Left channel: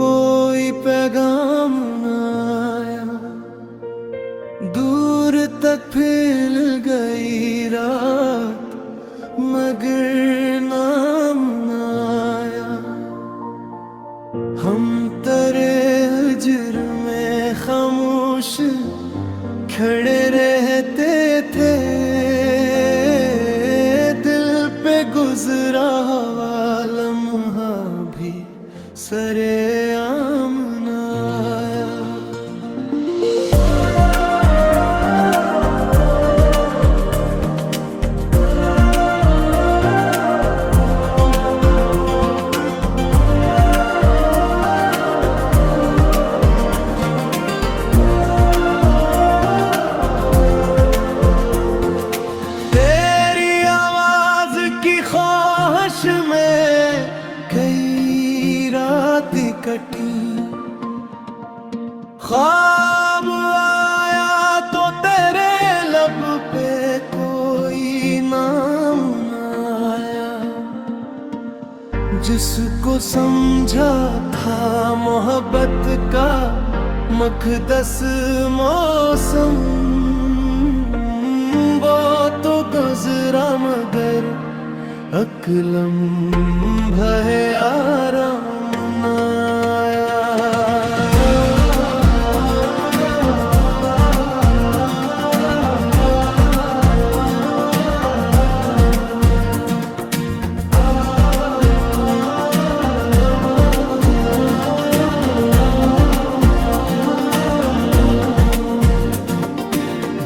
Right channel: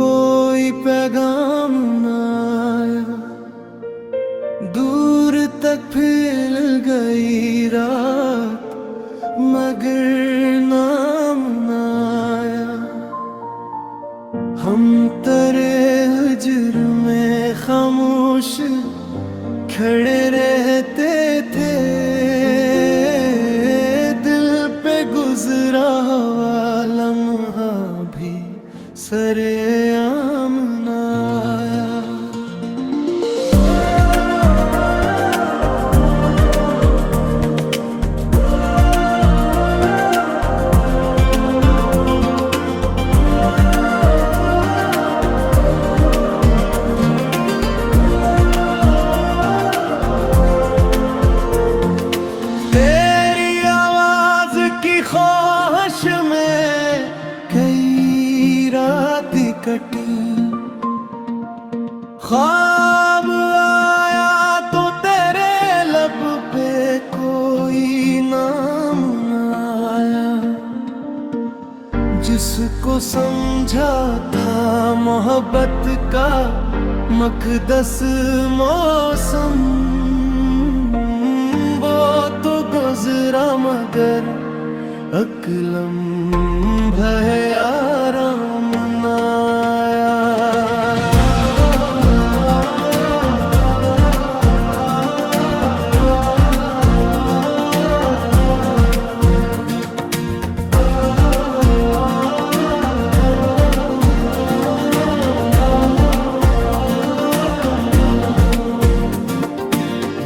कोई पैगाम न आया, दूर तक फैल गई रात मगर नाम न आया। हम तेरे हिज्र में खामोश खड़े रहते थे, दिल पे गुजरा हुआ लम्हा भी सरेआम न आया। तेरी आवाज की ख्वाहिश में कई रात कटी, ख्वाब आया तो तेरे लब पे कोई नाम न आया। जिसको समझा था मोहब्बत का मकदस मौसम, वो तो गुजरा मगर अकलम भय आराम न आया।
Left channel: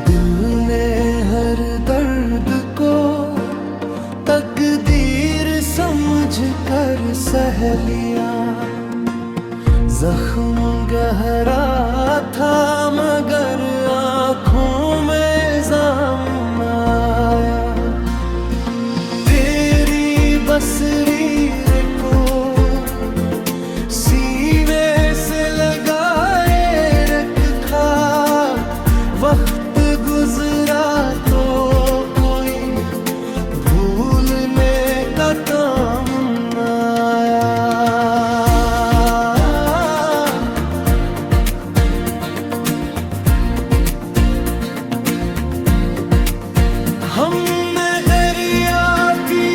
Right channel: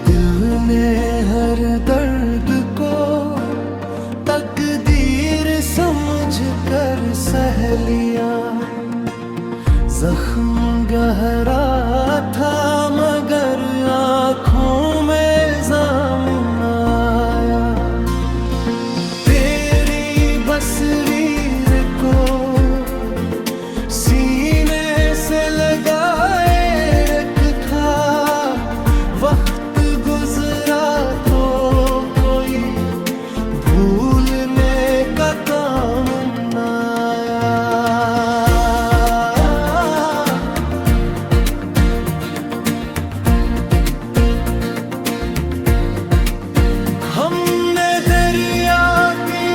दिल ने हर दर्द को तकदीर समझ कर सह लिया। जख्म गहरा था मगर आँखों में जाम न आया। तेरी बसरीर को सीने से लगाए रखा, वक्त गुजरा तो कोई भूलने का काम न आया। हमने दरिया की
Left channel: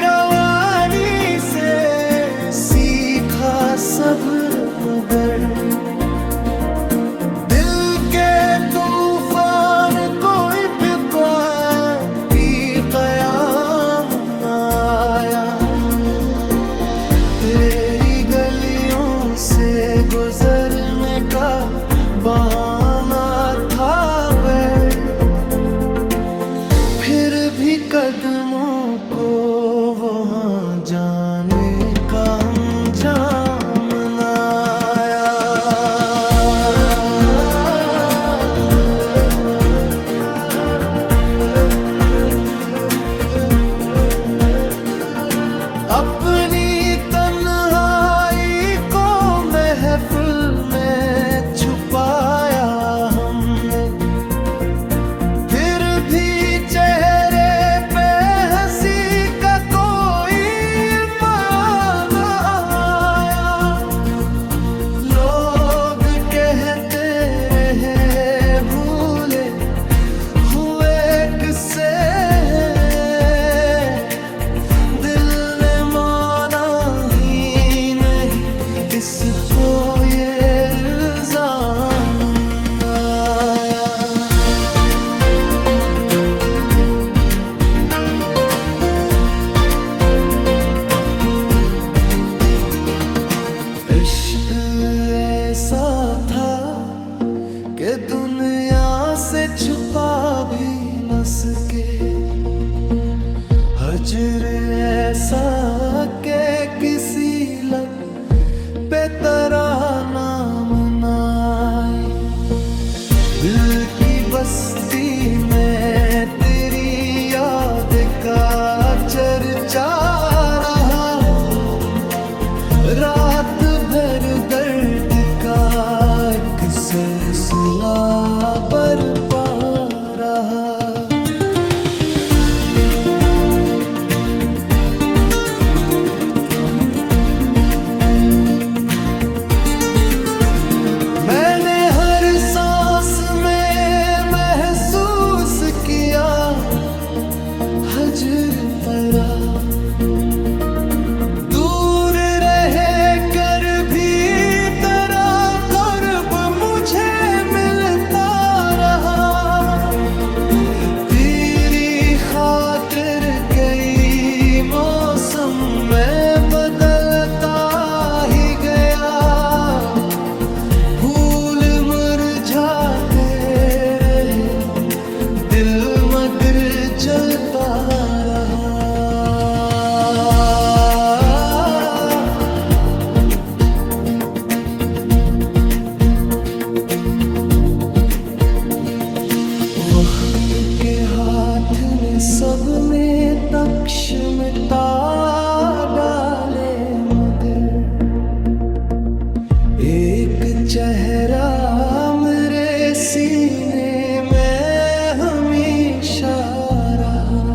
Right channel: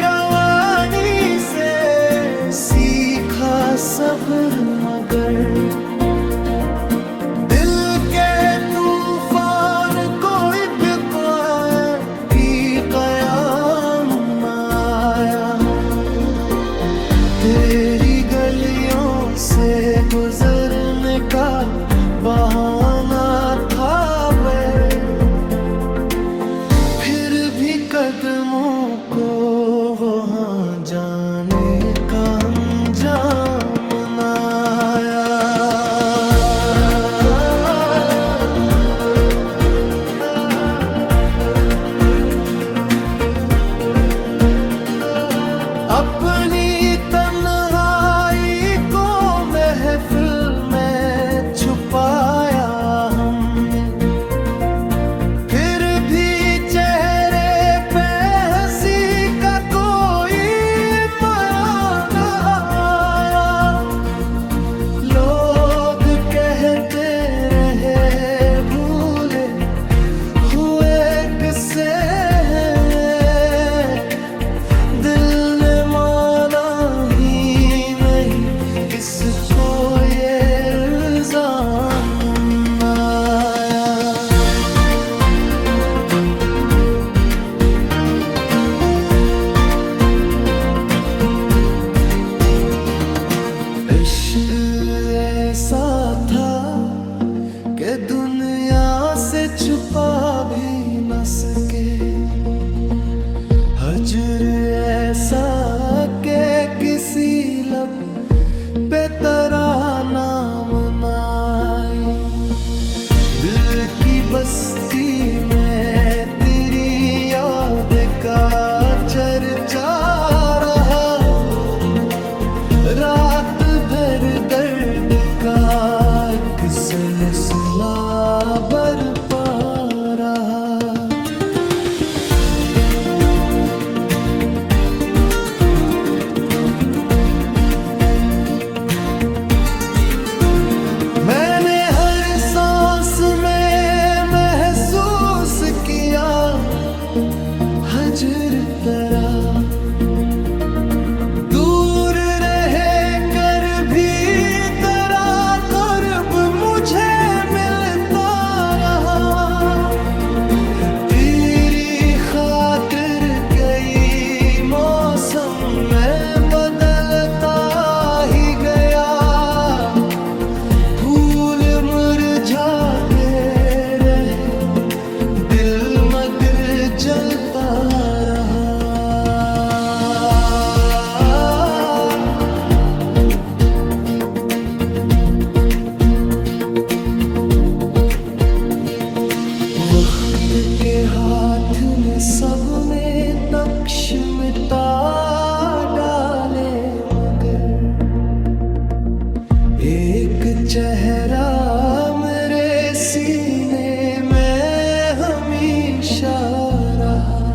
रवानी से सीखा सब्र मगर दिल के तूफान कोई की कयाम न आया। तेरी गलियों से गुजरने का बहाना था फिर भी कदमों को वहाँ जाने का अंजाम न आया। अपनी तन्हाई को महफिल में छुपाया हमने, फिर भी चेहरे पे हंसी का कोई बयान न आया। लोग कहते रहे भूले हुए किससे इसको ये इल्जाम न आया। इश्क ऐसा था कि दुनिया से छुपा भी न सके, हजर ऐसा के किसी लब पे तेरा नाम न आए। दिल की बस्ती में तेरी याद का चर्चा रहा, रात भर दर्द का एक सिलसिला बरपा रहा। सब में नक्श मिटा डाले, मगर एक चेहरा मेरे सीने में हमेशा रहा।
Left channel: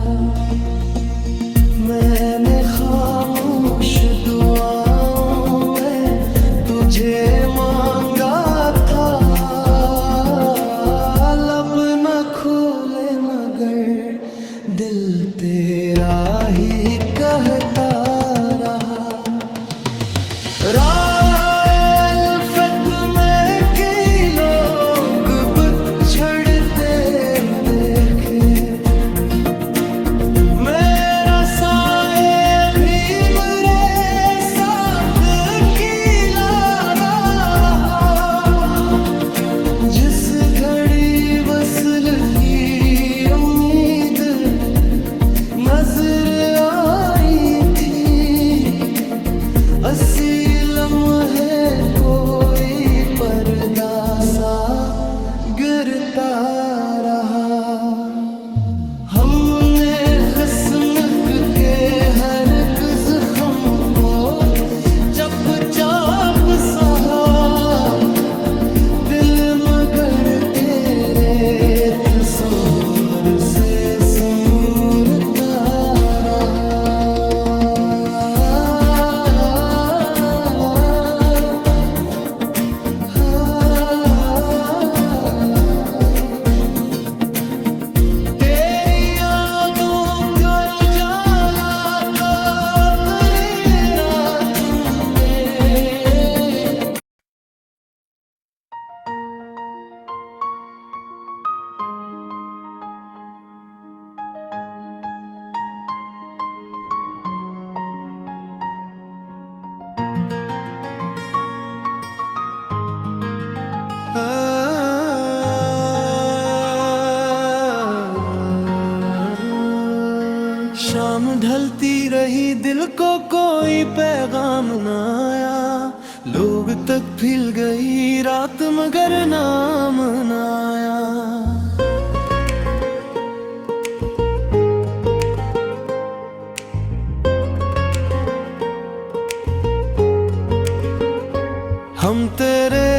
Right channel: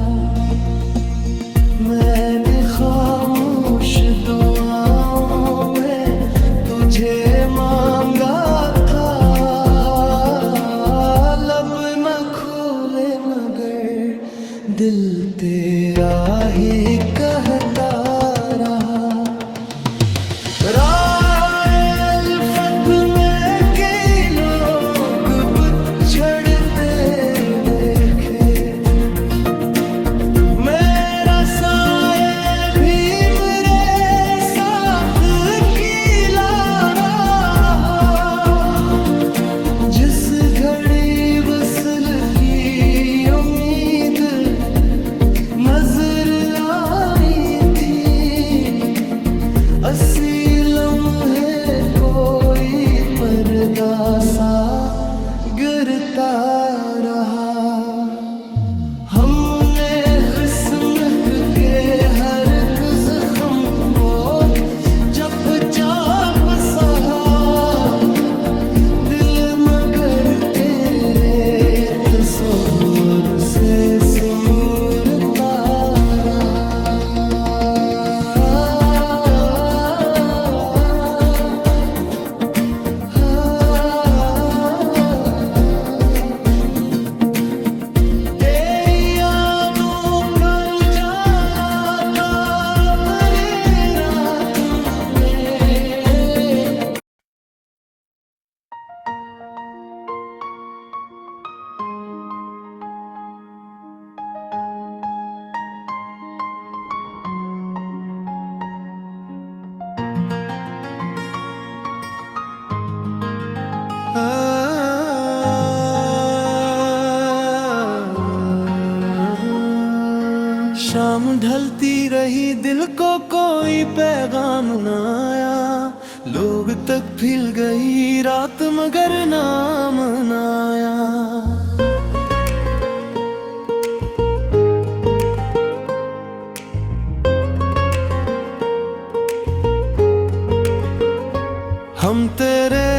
मैंने खामोश दुआओं में तुझे मांगा था, लब न खोले मगर दिल तेरा ही कहता रहा। राल्फत में कई लोग बिछड़ते देखे, मेरा साये भी मेरे साथ कीला रहा। जिस घड़ी वसल की उम्मीद नजर आई थी, असी लम्हे कोई पर्दा सा गिरता रहा। हमने किस्मत के हर एक जख्म को चप चाप सहा, दिल मगर तेरे तस्वीर से समूरता रहा। शाम ढलती रही, दिल को कोई पैगाम न आया। लोग तक फिर गई रात मगर नाम न आया। हम तेरे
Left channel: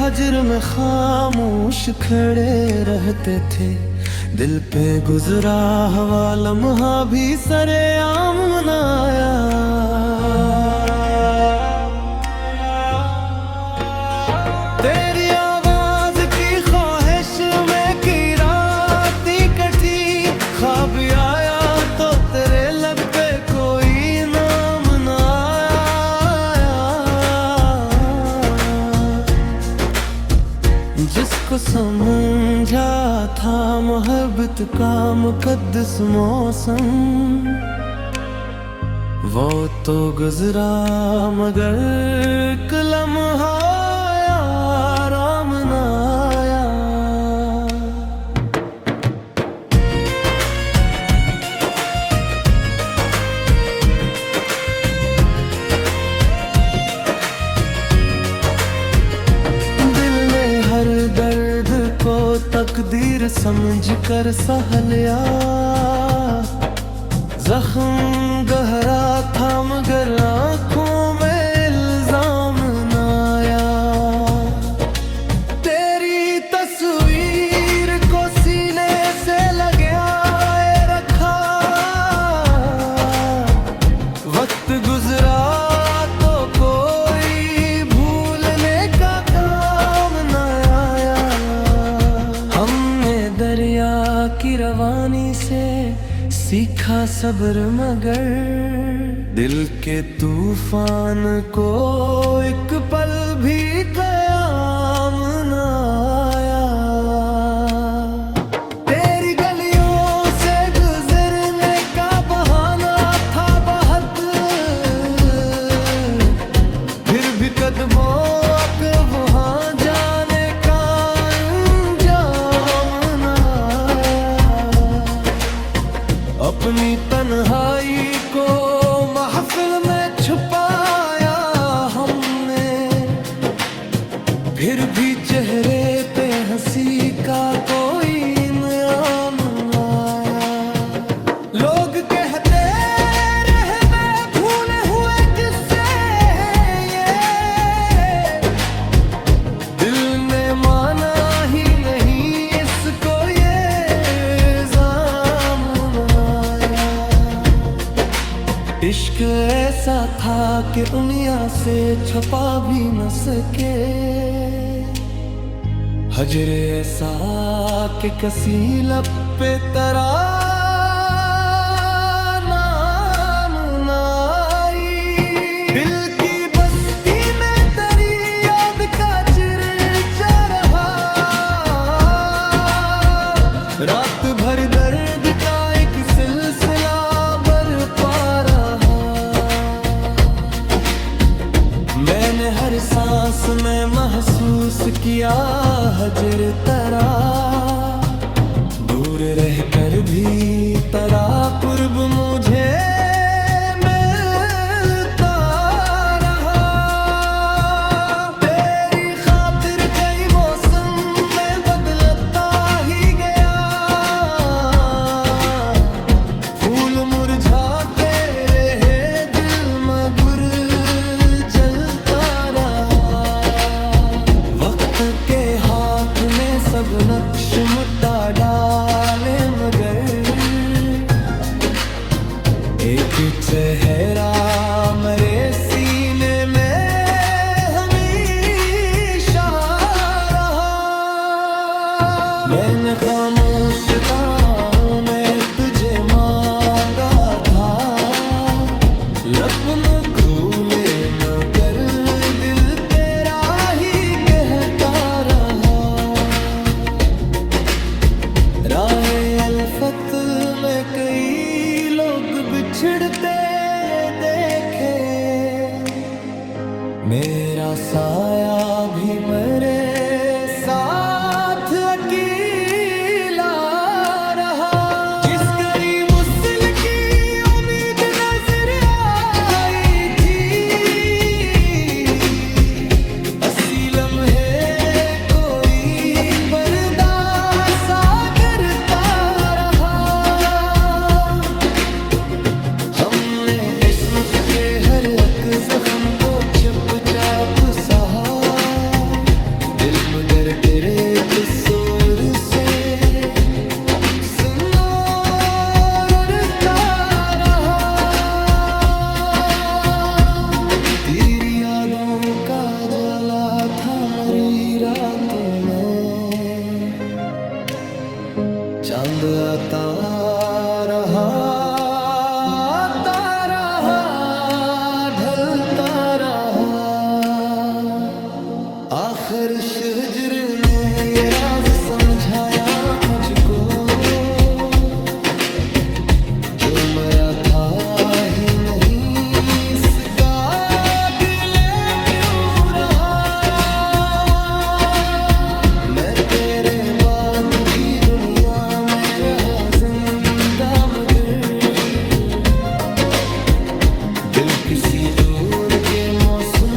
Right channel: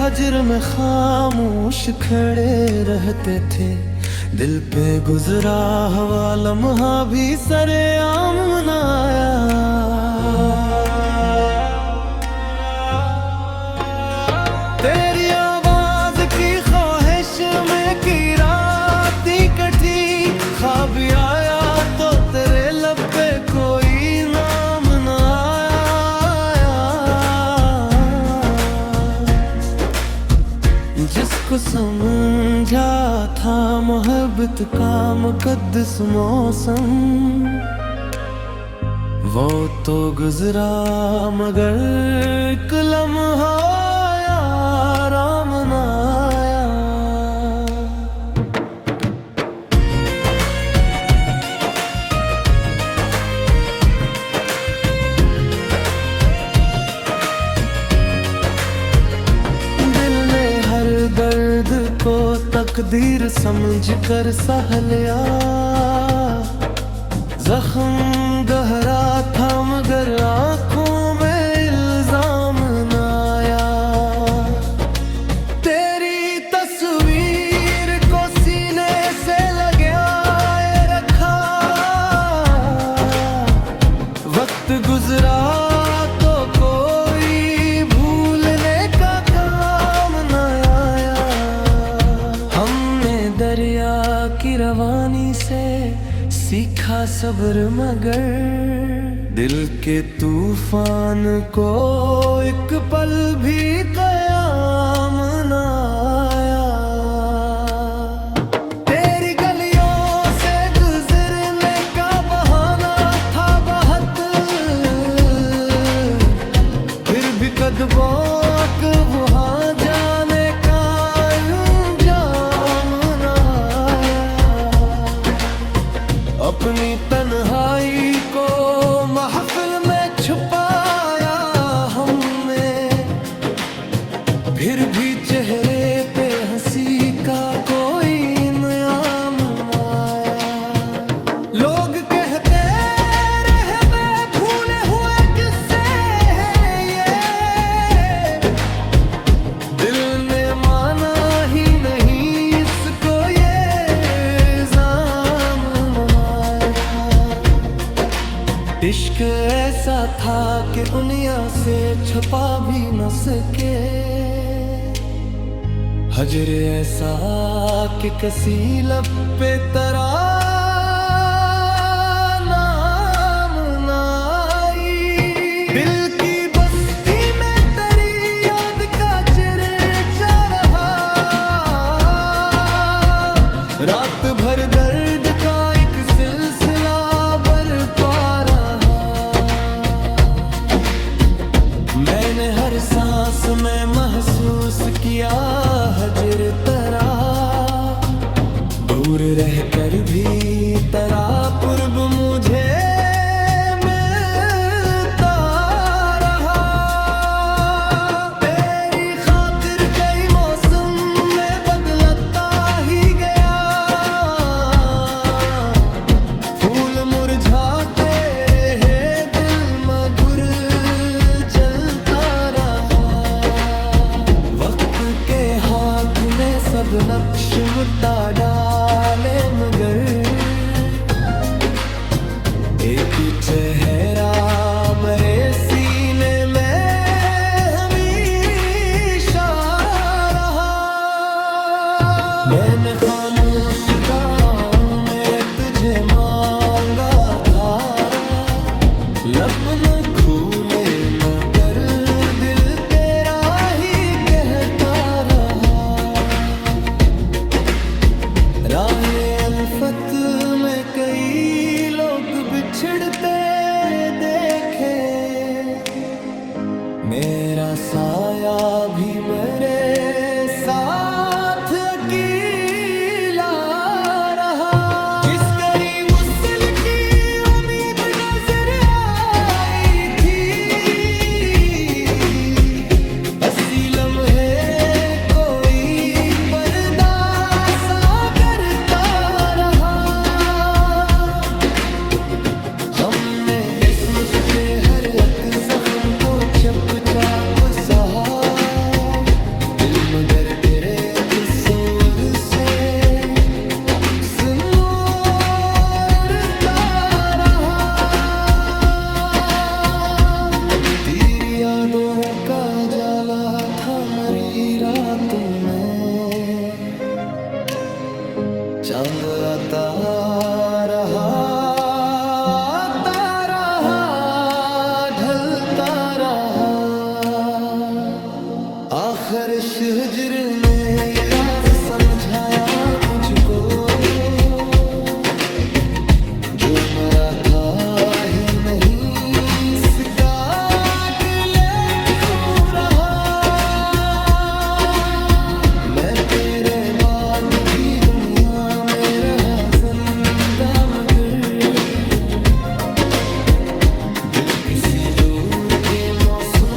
हजर में खामोश खड़े रहते थे, दिल पे गुजरा हवा लम्हा भी सरेआम मनाया। तेरी आवाज की ख्वाहिश में की राती कटी, ख्वाब आया तो तेरे लब पे कोई नाम न आया। जिसको समझा था मोहब्बत का मुकद्दस मौसम, वो तो गुजरा मगर एक लम्हा आराम न आया। दिल ने हर दर्द को तकदीर समझ कर सह लिया। जख्म गहरा था मगर आंखों में इल्जाम न आया। तेरी तस्वीर को सीने से लगाए रखा, वक्त गुजरा तो कोई भूलने का काम न आया। हमने दरिया की रवानी से सीखा सब्र मगर दिल के तूफान को एक पल भी कयाम न आया। तेरी गलियों से गुजरने का बहाना था बहुत, फिर भी कदमों को वहाँ जाने का अंजाम न आया। अपनी तन्हाई को महफिल में छुपाया हमने, फिर भी चेहरे पे हंसी का कोई इनाम न आया। इश्क ऐसा था कि दुनिया से छुपा भी न सके, हजर ऐसा कि कसी लब पे तरा नाम ना आई। दिल की बस्ती में तेरी याद का चर्चा रहा, रात भर दर्द का एक सिलसिला बरपा रहा। मैंने हर सांस में महसूस किया हजर तेरा, दूर रहकर भी तेरा कुर्ब मुझे मिलता रहा। तेरी खातिर कई मौसम में बदलता ही गया, फूल मुरझाते रहे दिल मगर जलता रहा। वक्त के हाथ ने सब नक्श मिटा डाले मगर एक चेहरा मेरे सीने में हमेशा रहा। मैंने खामोश दाओं में तुझे मांगा था, लब न खुले मगर दिल तेरा ही कहता रहा। राहे अल्फत में कई लोग बिछड़ते देखे, मेरा साया भी मेरे साथ अकेला रहा। जिस करीब उसल की उम्मीद नजर आई थी, हंसी लम्हे के हर एक जख्म को चुपचाप सहा, दिल मगर तेरे कसूर से सुनता रहा। तेरी यादों का जाला था मरी रातों में, चांद आता रहा ढलता रहा। आखिर हिज्र ने ये राज समझाया मुझको, जो मरा था ही नहीं इसका गिले क्यों रहा। मैं तेरे बाद भी दुनिया में रहा जिंदा मगर दिल किसी दूर के मौसम